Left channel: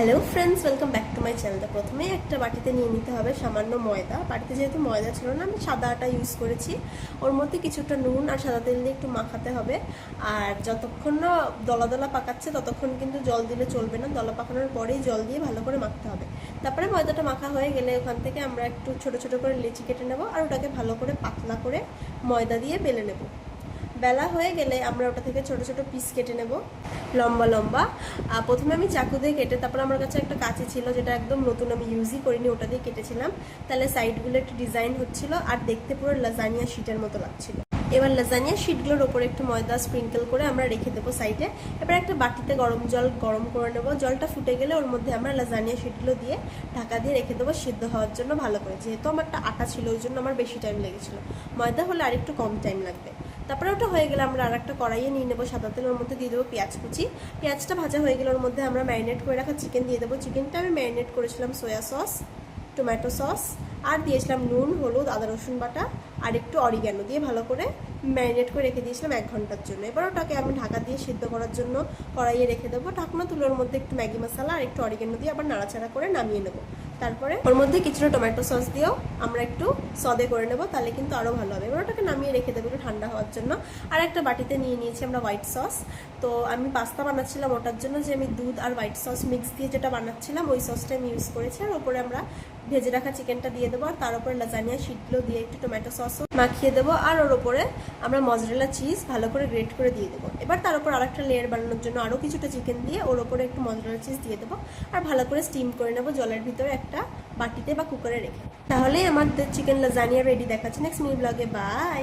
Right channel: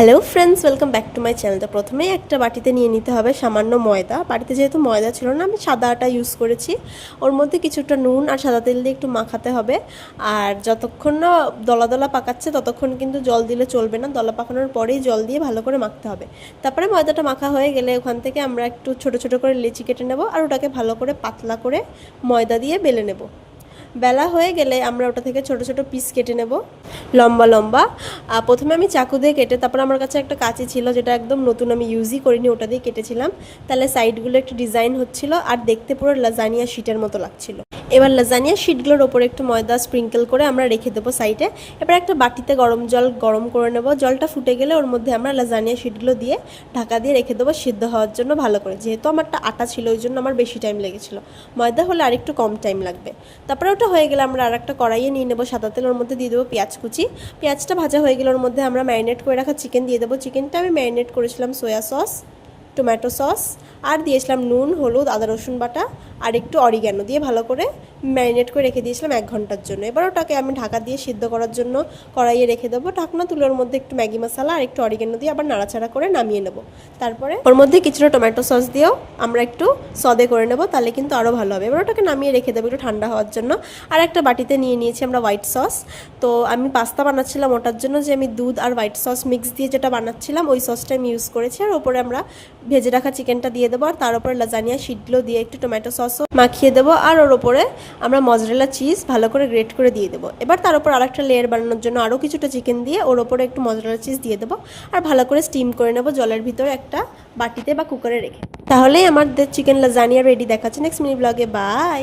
Hello friends, welcome back to my channel. তো প্রথমেই একটা বাটিতে নিয়ে নিতে হবে সামান্য ময়দা। বাড়িতে যেহেতু ময়দা ছিল না, আমি সাদা আটা ইউজ করেছি। ওর মধ্যে কিছুটা নুন আর সাদা তেল দিয়ে একটু মাখাতে হবে। আর যতক্ষণ না দলা দলা পাকাচ্ছে ততক্ষণ কিন্তু জল দিলে চলবে না, দলা পাকানোর পরেই জল দিয়ে ভালো করে মাখতে হবে। তারপরে ময়দাটা মাখা হয়ে গেলে ওখান থেকে আমরা একটু ছোট ছোট করে লেচি কেটে নেব, আর ওটাকে ভালো করে পাতলা করে ময়দা দিয়ে বেলে নেব। বেলা হয়ে গেলে আমরা ওটা থেকে ছোট ছোট পিস কেটে নেব, লম্বা লম্বা। প্রথমে আমি চাকু দিয়ে কেটে, তারপর আমার কাছে একটা কাঁচি ছিল যেটা একদম নতুন, আমি ইউজই করিনি, ওটা দিয়ে কেটেছিলাম। তাহলে সাইডগুলো একটু ডিজাইন হচ্ছিল আর দেখতে পুরো লাজানিয়া শিটের মতো লাগছিল। এবার লাজানিয়া শিটগুলোর ওপরে একটু ময়দা স্প্রিঙ্কেল করে আমরা রেখে দেবো সাইডে। এবার একটা বাটিতে গরম জল গরম করে নেব। জলটা ফুটে গেলে ওর মধ্যে আমরা লাজানিয়া শিটগুলো দিয়ে ঢাকা দিয়ে রেখে দেবো সিদ্ধ হওয়ার জন্য ভালো করে। যেহেতু আমারটা আটা ছিল ওই জন্য আমার বেশি টাইম লেগেছিলো, ময়দা হলে আরেকটু কম টাইম লাগবে। তারপরে ওটা হয়ে গেলে আমরা আরেকটা কড়াইয়ে নিয়ে নেবো সাদা তেল, ওর মধ্যে দিয়ে দেবো পেঁয়াজ কুচি। পেঁয়াজটা ভাজা হয়ে গেলে ওর মধ্যে আমরা ম্যারিনেট করে রাখা চিকেন দিয়ে দেবো। চিকেনটা আমি ম্যারিনেট করেছিলাম সয়া সস, টমেটো সস, আর দিয়েছিলাম নুন, হলুদ, আদা রসুন বাটা আর একটু অরিগ্যানো দিয়ে ভালো করে ম্যারিনেট করে রেখে দিয়েছিলাম 1 ঘন্টার জন্য। এবার ওটাকে আমি ঢাকা দিয়ে সিদ্ধ করার জন্য কড়াইয়ে রেখে দেবো। ঢাকনা তুলে ওর মধ্যে একটু ম্যাগি মশলা আর একটু অরিগ্যানো দিয়ে আবার নাড়াচাড়া করে নামিয়ে নেবো। তারপরে ওর মধ্যে কিছুটা টমেটো সস দিয়েও আমরা একটু সদে করে নেবো, তাহলে কিন্তু আরও ভালো হবে। এবার ওটাকে নামিয়ে রেখে দেবো একটু ঠান্ডা হওয়ার জন্য। আর একটা বাটিতে নিয়ে নিয়েছি আমরা হোয়াইট সস। তো আমি পাস্তা বানাচ্ছিলাম, ওটার জন্য যে আমি দুধ আর হোয়াইট সস মিক্স দিয়ে যেটা বানাচ্ছিলাম ওই সসটা আমি ইউজ করেছি। আর ওপরে আমরা ভেজে রাখা চিকেনটা দিয়ে দেবো, আর তার উপরে লাজানিয়া শিটগুলো দিয়ে একটু টমেটো সসও মাখিয়ে দেবো। আর ওর ওপরে আমরা মজরেলা চিজ ভালো করে গ্রেট করে দিয়ে দেবো। এবার তার উপর আরেকটা লেয়ার বানানোর জন্য আরও কিছুটা চিকেন দিয়ে ওর ওপরে একটু মজরেলা চিজ দিয়ে দেবো, আর ভালো করে স্টিম করে নেবো জলের ভিতরে একটা বাটিতে বা কুকারে রেখে। তাহলেই আমাদের চিকেন লাজানিয়া রেডি। দেখাচ্ছে নেক্সট মিনি ব্লগে। বাই।